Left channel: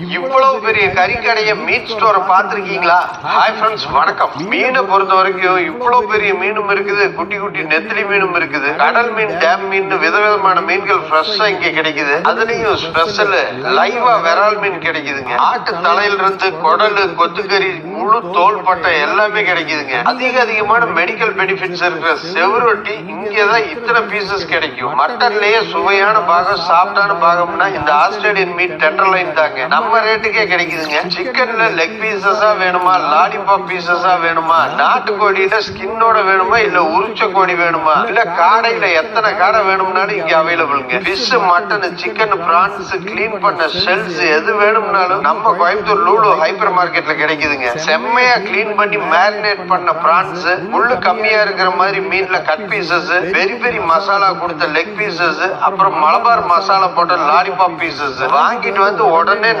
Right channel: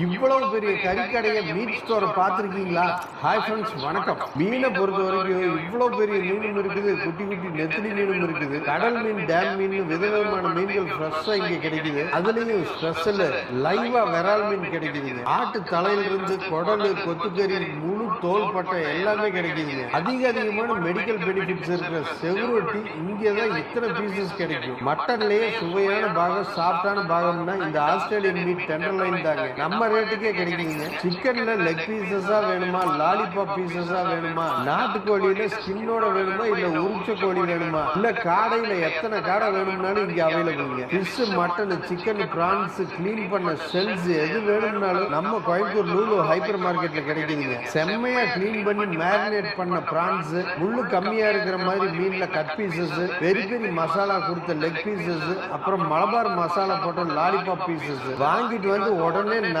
இவ்வளவு பெரிய கறிக்கடைய மீட் ஸ்டோரை பார்த்திருக்கீங்களா? ஹாய் ஃப்ரெண்ட்ஸ், வணக்கம். மீனை பொறுத்த வரைக்கும் இவ்வளவு பெரிய மீனும் இருக்குது, குட்டி குட்டி நெத்திலி மீனும் இருக்குது, கடல் மீன், டேம் மீன், விதவிதமான மீன்கள் ஃப்ரெஷ்ஷா இங்க கிடைக்குது. அதுலயும் ஸ்பெஷல் லைவா விரால் மீன் கிடைக்குது. ஆட்டு தலையில இருந்து குடல், கொத்துக்கறி, முழு தோள்பட்டை எல்லாமே கிடைக்குதுங்க. அதிகமான மெடிக்கல் பெனிஃபிட்ஸ் இருக்கிற செவரொட்டி இங்கதான் இத்தனை பீசஸ் கிடைக்கும். மட்டன்லயே சுவையான பாகம், சாப்பிட்டான பாகம்னா இந்த ஆஸ்திரேலியன் மீட் டெண்டர்லைன் தாங்க. நம்ம ரேட்டுக்கே கிடைக்குதுங்க. சிக்கன்ல லெக் பீசஸா வேணுமா, லாலிபாப் பீசஸா வேணுமா, நாட்டுக்கோழியில ஸ்கின்னோட வேணுமா, இல்ல உரிச்ச கோழி வேணுமா, இல்ல காடையில எத்தனை காடை வேணும்னாலும் இங்க அவைலபிள்ங்க. Fish, mutton, chicken, prawns, clean பண்ண ஷெல்ஸ் எது வேணும்னாலும் நம்ம கோயம்புத்தூர் லூலு ஹைப்பர் மார்க்கெட்ல கிடைக்குதுங்க. செம்மையா கிளீன் பண்ணி மேரினேட் பண்ண பிரான்ஸ், முள்ளு கம்மியா இருக்கிற மாதிரி மீன்ல கட் பீசஸ், பெரி பெரி மசாலா கொடுத்த லெக் பீசஸ், அப்புறம் மலபார் மசாலா போட்ட லாலிபாப் பீசஸ் வாங்கிட்டு வந்து உடனே